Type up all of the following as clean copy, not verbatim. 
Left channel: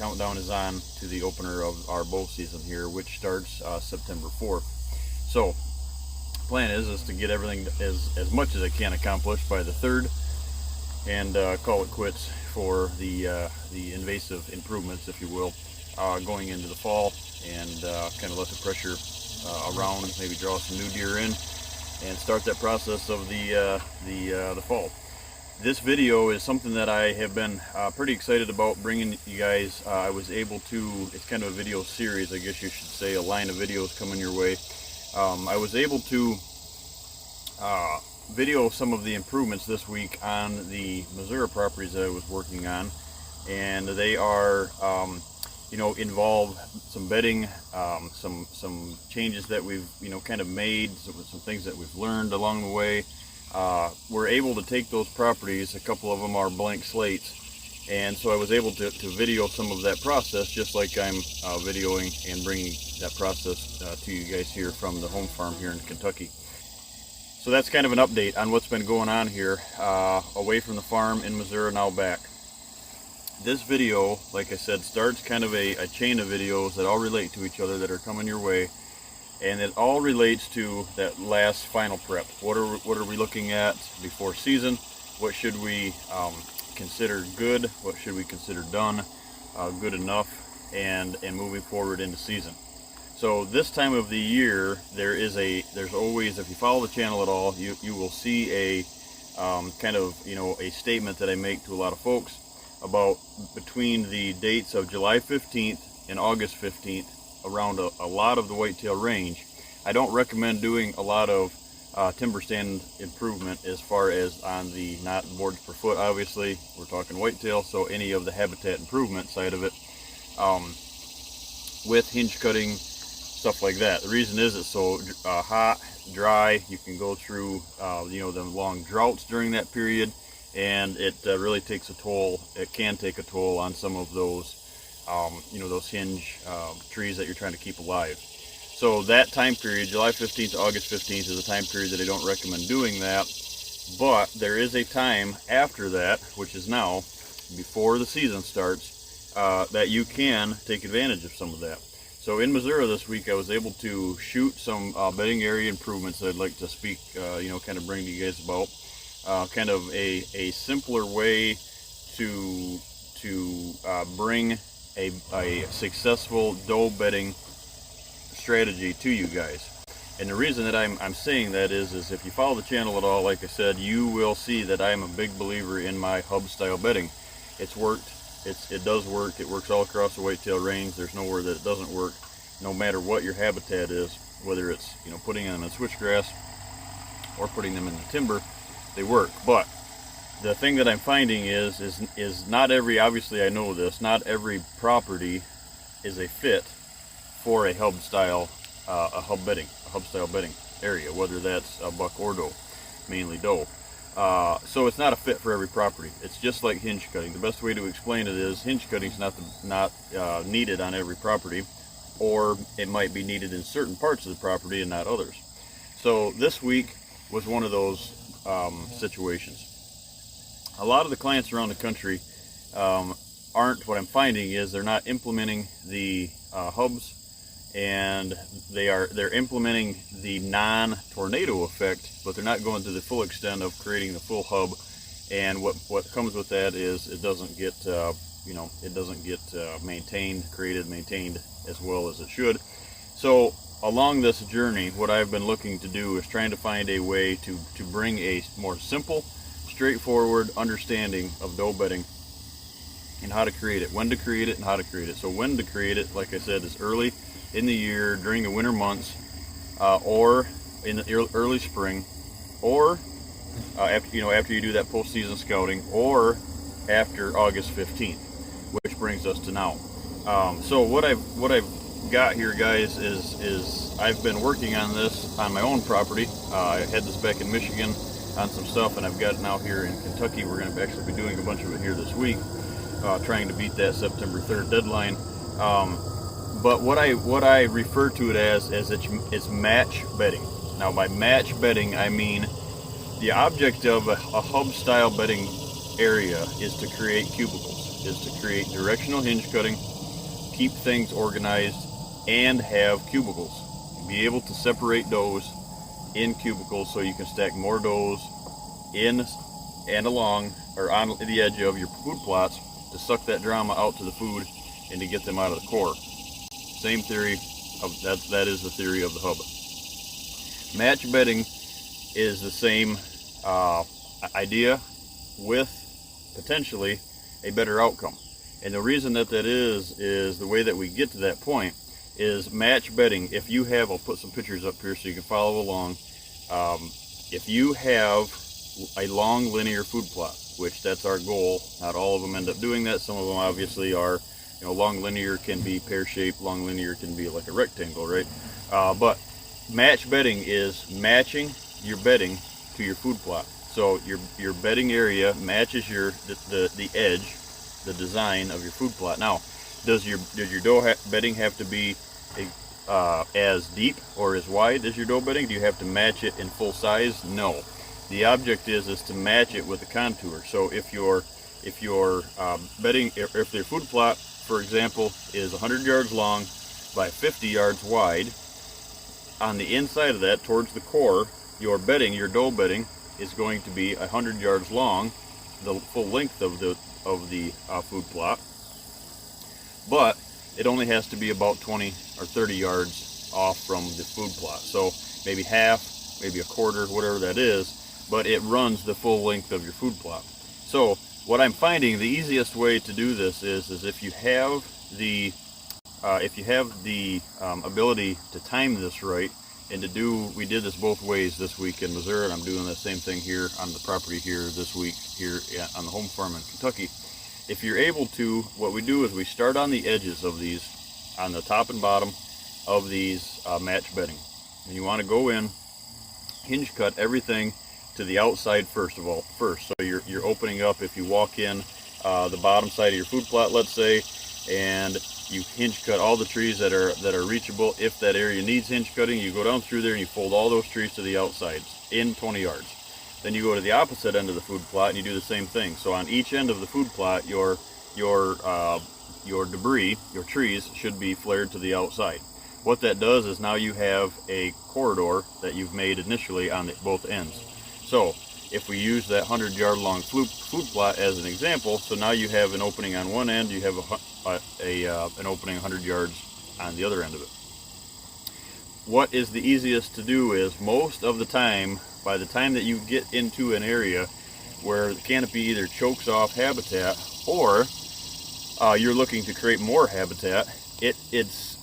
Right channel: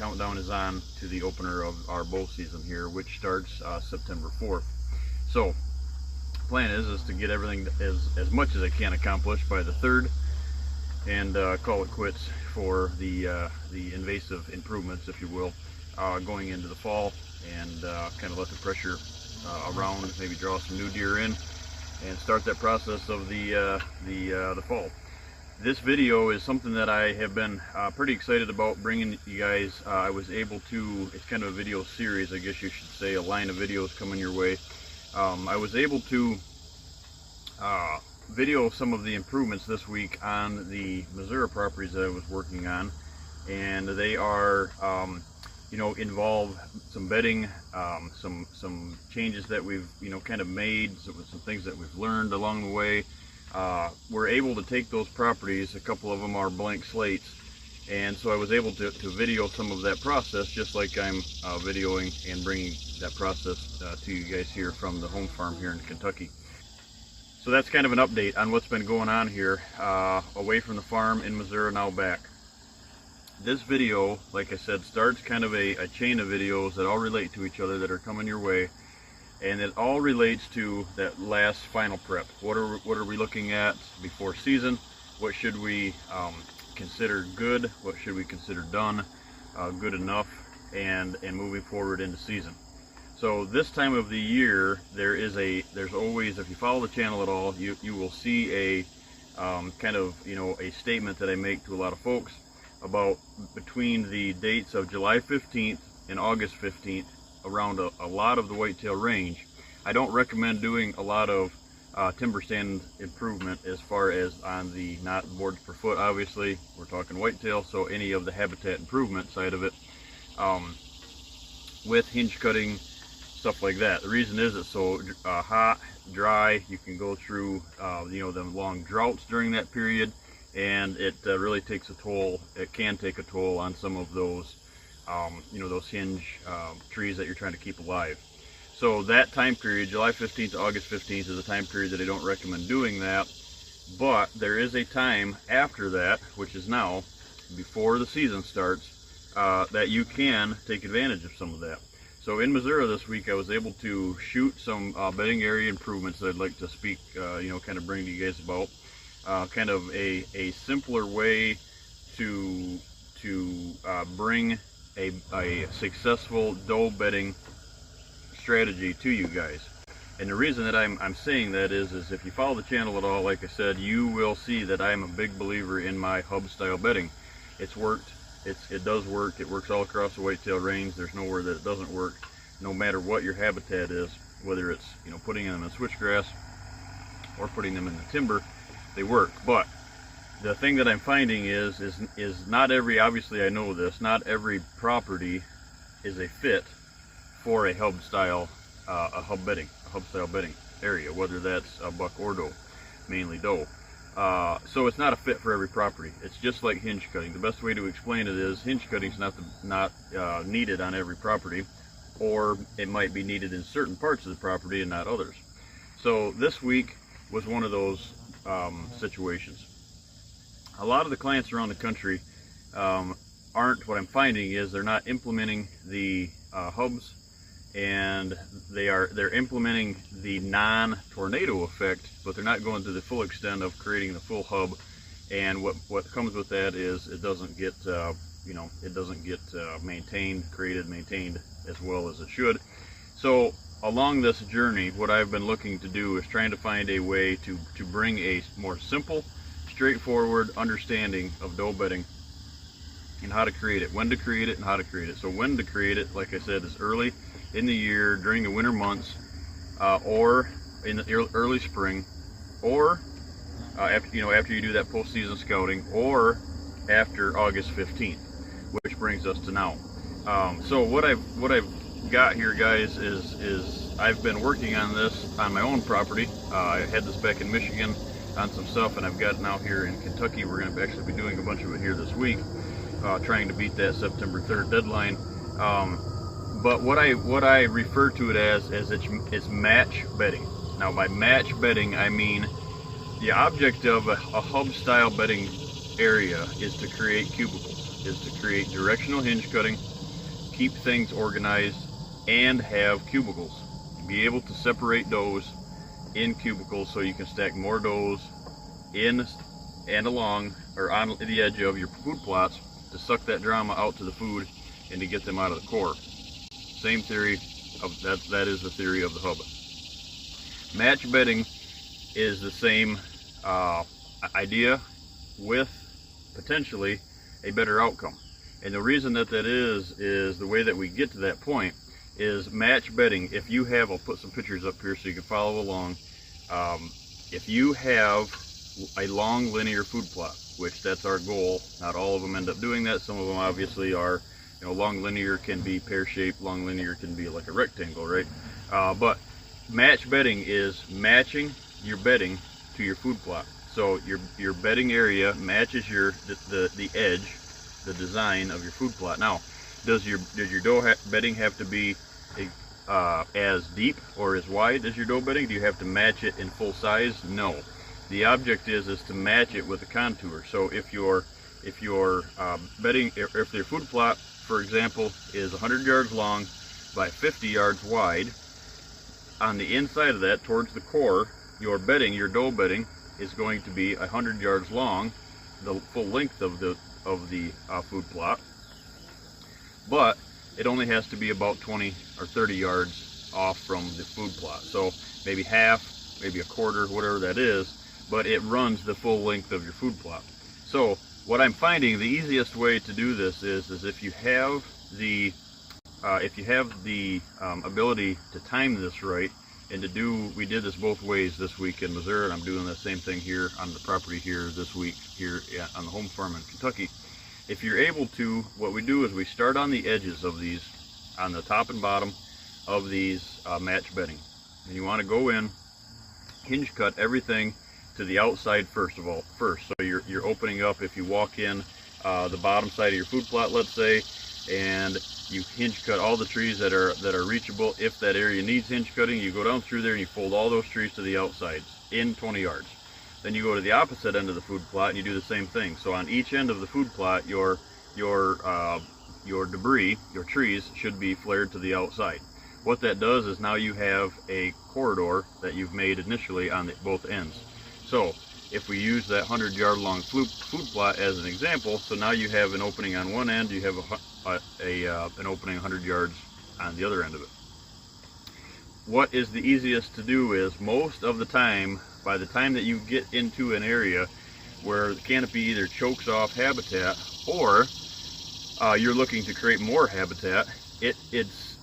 countdown is on to the opener of our bow season here, which starts September 4th. So plan is to get everything as much as I can accomplished by the 3rd, and call it quits for the invasive improvements, if you will, going into the fall, and kind of let the pressure around, maybe draw some new deer in, and start that process of the fall. This video is something that I have been pretty excited about bringing you guys. I was able to, it's kind of a video series, I guess you should say, a line of videos coming your way. I was able to video some of the improvements this week on the Missouri properties that I was working on, and they are involve some bedding, some changes that we've kind of made, some things that we've learned along the way. We're able to take those properties, a couple of them are blank slates, and so I was able to video some of that process, just like I'm videoing and bringing that process to you guys here from the home farm here in Kentucky. So that's kind of an update on what's been going on here, away from the farm in Missouri, now back. This video, like I said, starts kind of a chain of videos that all relate to each other, that are coming your way. And it all relates to that last final prep. What are we looking at before season? What should we consider good? What should we consider done, good enough, and moving forward into season? So this time of the year, there's always, if you follow the channel at all, you will see a kind of a statement that I make to a lot of folks about between the dates of July 15th and August 15th. Around a lot of the whitetail range, I don't recommend doing a lot of timber stand improvement as far as on the not boards per foot. Obviously, we're talking whitetail, so any of the habitat improvement side of it, with hinge cutting, stuff like that. The reason is it's so hot, dry. You can go through the long droughts during that period, and it really takes a toll. It can take a toll on some of those those hinge trees that you're trying to keep alive. So that time period, July 15th to August 15th, is a time period that I don't recommend doing that. But there is a time after that, which is now, before the season starts, that you can take advantage of some of that. So in Missouri this week, I was able to shoot some bedding area improvements that I'd like to speak, kind of bring to you guys about. Kind of a simpler way to bring a successful doe bedding strategy to you guys. And the reason that I'm saying that is if you follow the channel at all, like I said, you will see that I am a big believer in my hub style bedding. It's worked. It does work. It works all across the whitetail range. There's nowhere that it doesn't work, no matter what your habitat is, whether it's putting them in switchgrass or putting them in the timber, they work. But the thing that I'm finding is not every, obviously I know this, not every property is a fit for a hub style, a hub style bedding area, whether that's a buck or doe, mainly doe. So it's not a fit for every property. It's just like hinge cutting. The best way to explain it is hinge cutting is not needed on every property, or it might be needed in certain parts of the property and not others. So this week was one of those situations. A lot of the clients around the country aren't, what I'm finding is they're not implementing the hubs, and they're implementing the non-tornado effect, but they're not going to the full extent of creating the full hub. And what comes with that is it doesn't get maintained as well as it should. So along this journey, what I've been looking to do is trying to find a way to bring a more simple, straightforward understanding of doe bedding and how to create it, when to create it, and how to create it. So when to create it, like I said, is early in the year, during the winter months, or in the early spring, or after you do that postseason scouting, or after August 15th, which brings us to now. So what I've got here, guys, is I've been working on this on my own property. I had this back in Michigan on some stuff, and I've got it now here in Kentucky. We're going to actually be doing a bunch of it here this week, trying to beat that September 3rd deadline. But what I refer to it as it's match bedding. Now, by match bedding, I mean the object of a hub style bedding area is to create cubicles. is to create directional hinge cutting, keep things organized, and have cubicles. Be able to separate does in cubicles so you can stack more does in and along or on the edge of your food plots to suck that drama out to the food and to get them out of the core. Same theory of that is the theory of the hub. Match bedding is the same idea with potentially a better outcome. And the reason that is the way that we get to that point is match bedding. If you have, I'll put some pictures up here so you can follow along. If you have a long linear food plot, which that's our goal, not all of them end up doing that. Some of them obviously are, long linear can be pear-shaped, long linear can be like a rectangle, right? But match bedding is matching your bedding to your food plot. So your bedding area matches the edge, the design of your food plot. Now, does your doe bedding have to be as deep or as wide as your doe bedding? Do you have to match it in full size? No. The object is to match it with the contour. So if your bedding, if their food plot, for example, is 100 yards long by 50 yards wide, on the inside of that, towards the core, your bedding, your doe bedding, is going to be 100 yards long, the full length of the food plot. But it only has to be about 20 or 30 yards off from the food plot. So maybe half, maybe a quarter, whatever that is, but it runs the full length of your food plot. So what I'm finding, the easiest way to do this is if you have the ability to time this right, and we did this both ways this week in Missouri, and I'm doing the same thing here on the property here this week here on the home farm in Kentucky. If you're able to, what we do is we start on the edges of these, on the top and bottom of these match bedding. And you want to go in, hinge cut everything to the outside first. So you're opening up, if you walk in the bottom side of your food plot, let's say, and you hinge cut all the trees that are reachable. If that area needs hinge cutting, you go down through there and you fold all those trees to the outsides in 20 yards. Then you go to the opposite end of the food plot and you do the same thing. So on each end of the food plot, your debris, your trees, should be flared to the outside. What that does is now you have a corridor that you've made initially on both ends. So if we use that 100-yard long food plot as an example, so now you have an opening on one end, you have an opening 100 yards on the other end of it. What is the easiest to do is, most of the time, by the time that you get into an area where the canopy either chokes off habitat or you're looking to create more habitat, it's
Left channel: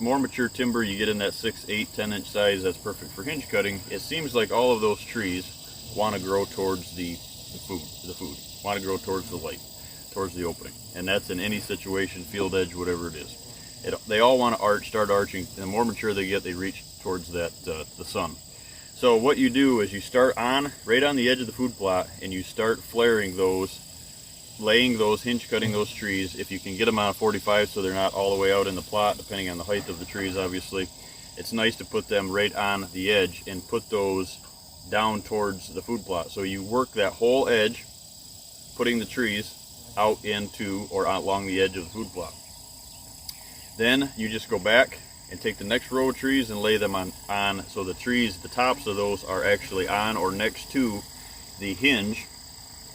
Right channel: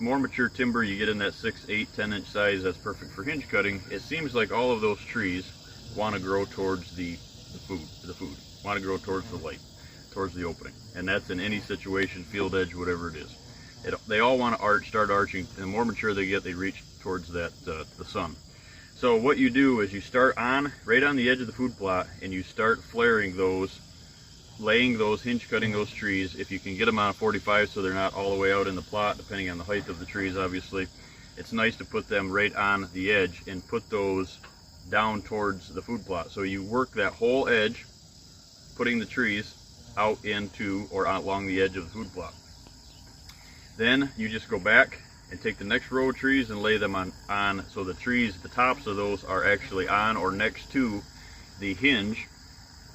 more mature timber. You get in that 6, 8, 10-inch size, that's perfect for hinge cutting. It seems like all of those trees want to grow towards the food, want to grow towards the light, towards the opening. And that's in any situation, field edge, whatever it is. They all want to start arching, and the more mature they get, they reach towards the sun. So what you do is you start right on the edge of the food plot, and you start flaring those, laying those, hinge cutting those trees. If you can get them on 45 so they're not all the way out in the plot, depending on the height of the trees, obviously, it's nice to put them right on the edge and put those down towards the food plot. So you work that whole edge, putting the trees out into or out along the edge of the food plot. Then you just go back and take the next row of trees and lay them on so the trees, the tops of those, are actually on or next to the hinge.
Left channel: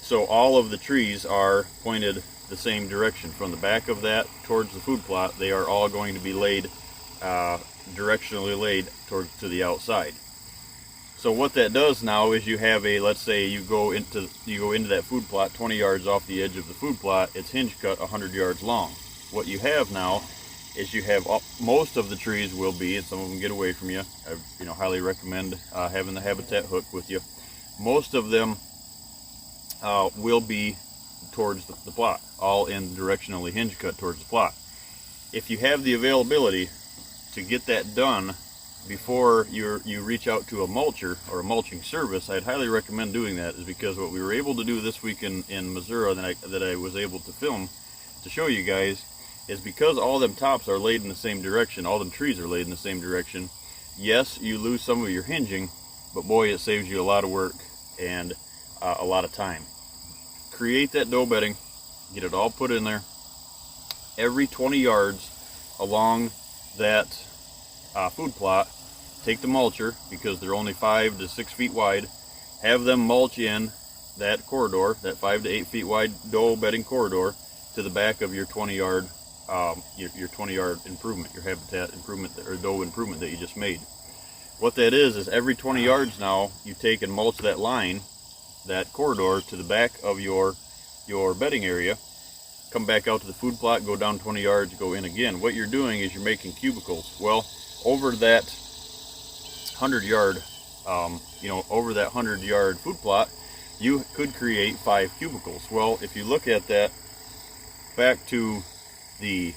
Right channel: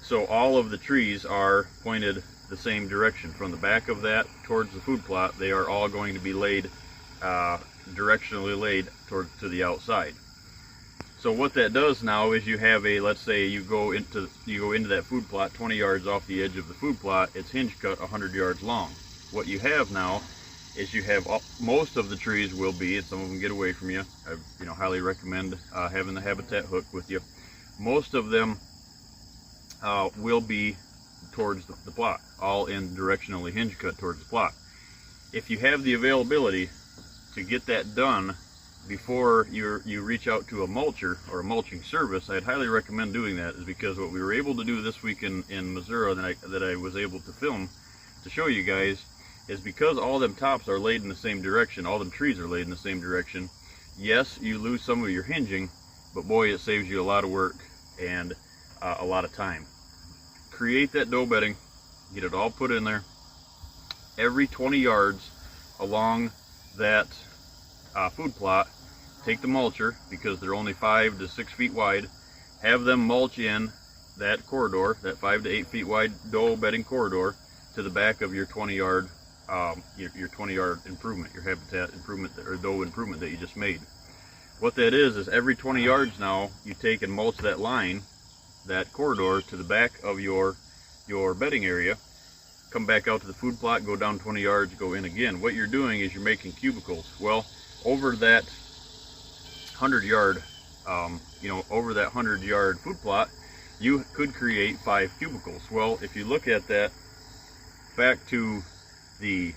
So all of the trees are pointed the same direction. From the back of that towards the food plot, they are all going to be laid, directionally laid to the outside. So what that does now is you have let's say you go into that food plot 20 yards off the edge of the food plot, it's hinge cut 100 yards long. What you have now is you have most of the trees will be, and some of them get away from you. I highly recommend having the habitat hook with you. Most of them will be towards the plot, all in directionally hinge cut towards the plot. If you have the availability to get that done before you reach out to a mulcher or a mulching service, I'd highly recommend doing that, is because what we were able to do this week in Missouri that I was able to film to show you guys is because all them tops are laid in the same direction, all them trees are laid in the same direction. Yes, you lose some of your hinging, but boy, it saves you a lot of work and a lot of time. Create that doe bedding, get it all put in there. Every 20 yards along that food plot, take the mulcher, because they're only 5 to 6 feet wide, have them mulch in that corridor, that 5 to 8 feet wide doe bedding corridor, to the back of your 20-yard your 20-yard improvement, your habitat improvement or doe improvement that you just made. What that is every 20 yards now you take and mulch that line, that corridor, to the back of your bedding area. Come back out to the food plot, go down 20 yards, go in again. What you're doing is you're making cubicles. Well, over that 100-yard over that 100-yard food plot, you could create 5 cubicles. Well, if you look at that back to the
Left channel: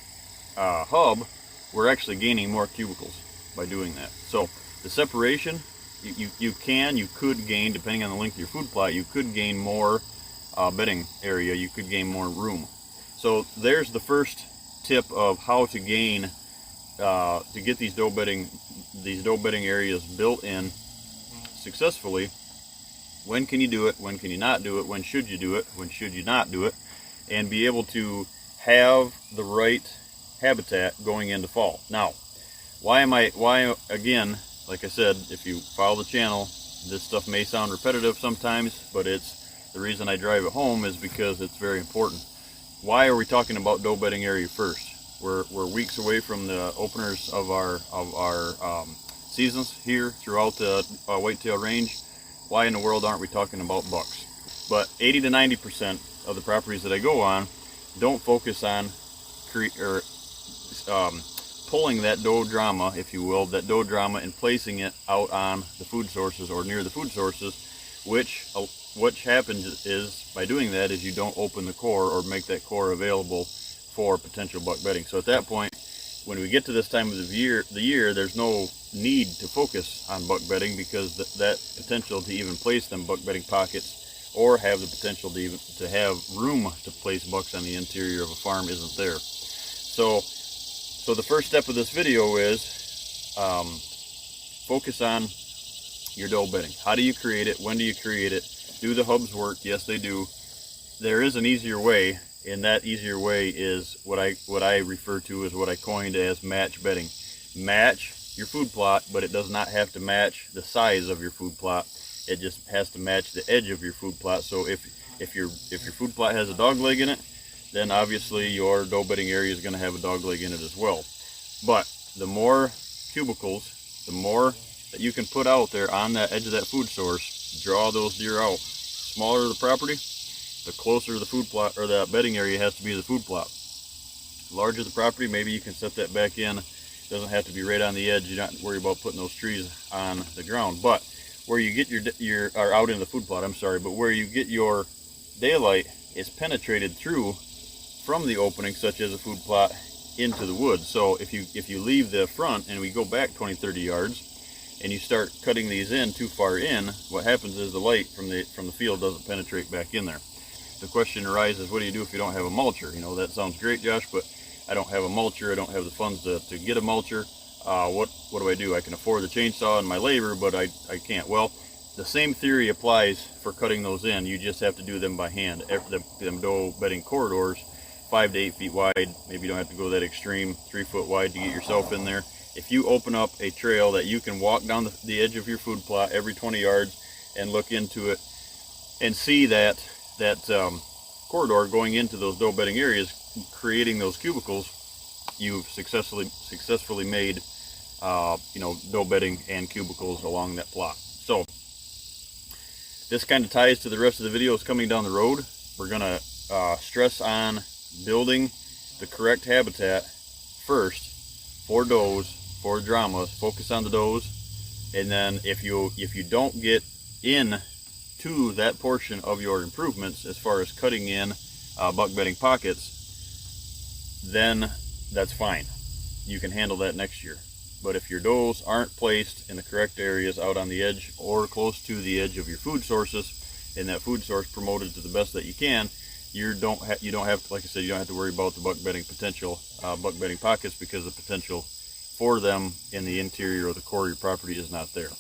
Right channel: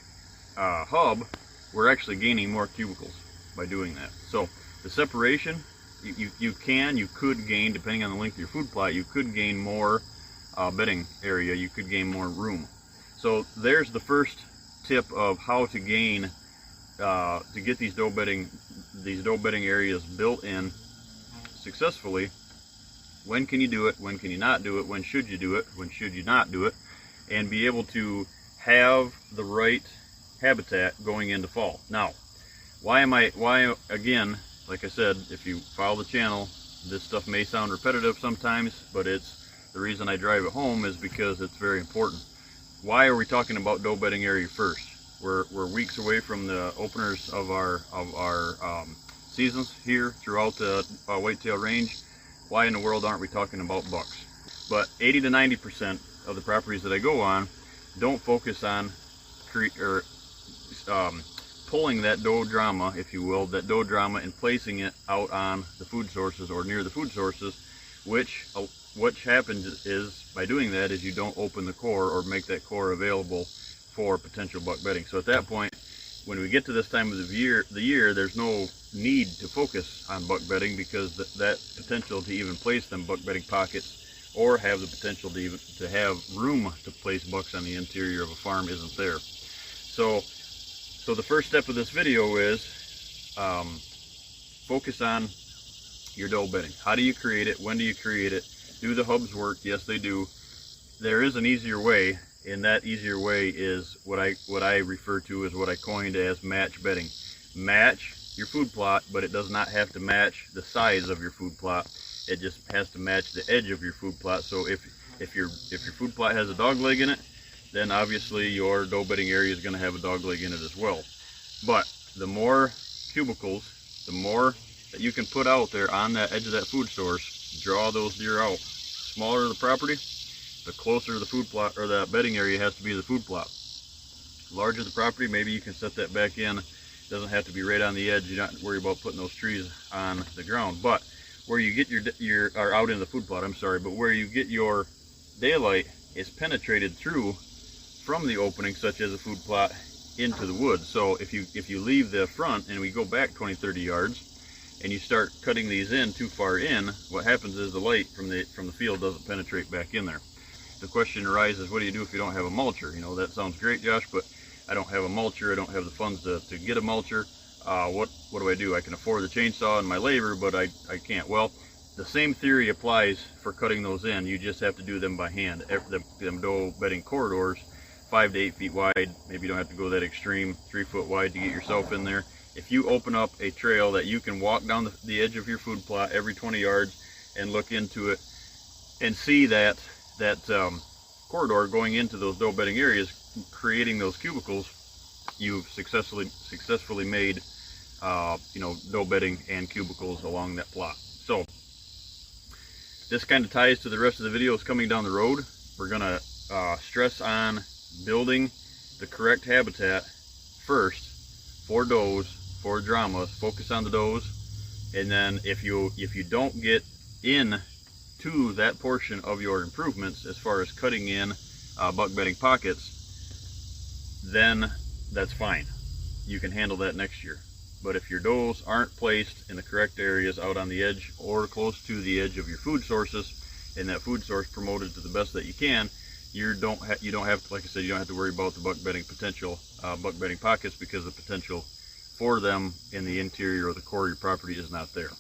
hub, we're actually gaining more cubicles by doing that. So the separation, you could gain, depending on the length of your food plot, you could gain more bedding area, you could gain more room. So there's the first tip of how to gain, to get these doe bedding areas built in successfully. When can you do it? When can you not do it? When should you do it? When should you not do it? And be able to have the right habitat going into fall. Now, why again, like I said, if you follow the channel, this stuff may sound repetitive sometimes, but the reason I drive it home is because it's very important. Why are we talking about doe bedding area first? We're weeks away from the openers of our seasons here throughout the whitetail range. Why in the world aren't we talking about bucks? But 80 to 90% of the properties that I go on don't focus on pulling that doe drama, if you will, and placing it out on the food sources or near the food sources, which happens is, by doing that, is you don't open the core or make that core available for potential buck bedding. So at that point, when we get to this time of the year, there's no need to focus on buck bedding, because that potential to even place them buck bedding pockets, or have the potential to have room to place bucks on the interior of a farm, isn't there. So the first step of this video is focus on your doe bedding. How do you create it? When do you create it? Do the hubs work? Yes, they do. There is an easier way, and that easier way is what I refer to as what I coined as match bedding. Match your food plot, but it does not have to match the size of your food plot. It just has to match the edge of your food plot. So if your food plot has a dog leg in it, then obviously your doe bedding area is going to have a dog leg in it as well. But the more cubicles, the more that you can put out there on that edge of that food source, draw those deer out. Smaller the property, the closer the food plot or the bedding area has to be to the food plot. Larger the property, maybe you can set that back in. It doesn't have to be right on the edge. You're not worried about putting those trees on the ground. But where you get your or out in the food plot, I'm sorry, but where you get your daylight is penetrated through from the opening, such as a food plot, into the woods. So if you leave the front and we go back 20-30 yards and you start cutting these in too far in, what happens is the light from the field doesn't penetrate back in there. The question arises, what do you do if you don't have a mulcher? You know, that sounds great, Josh, but I don't have a mulcher. I don't have the funds to get a mulcher. What do I do? I can afford the chainsaw and my labor, but I can't. Well, the same theory applies for cutting those in. You just have to do them by hand. Them doe bedding corridors, 5 to 8 feet wide. Maybe you don't have to go that extreme, 3 foot wide to get yourself in there. If you open up a trail that you can walk down the edge of your food plot every 20 yards and look into it and see that corridor going into those doe bedding areas, creating those cubicles, you've successfully made doe bedding and cubicles along that plot. So this kind of ties to the rest of the videos coming down the road. We're gonna stress on building the correct habitat first for does, for dramas. Focus on the does, and then if you don't get in to that portion of your improvements as far as cutting in buck bedding pockets, then that's fine. You can handle that next year. But if your does aren't placed in the correct areas out on the edge or close to the edge of your food sources, and that food source promoted to the best that you can, you don't have to, like I said, you don't have to worry about the buck bedding potential, buck bedding pockets, because the potential for them in the interior or the core of your property is not there.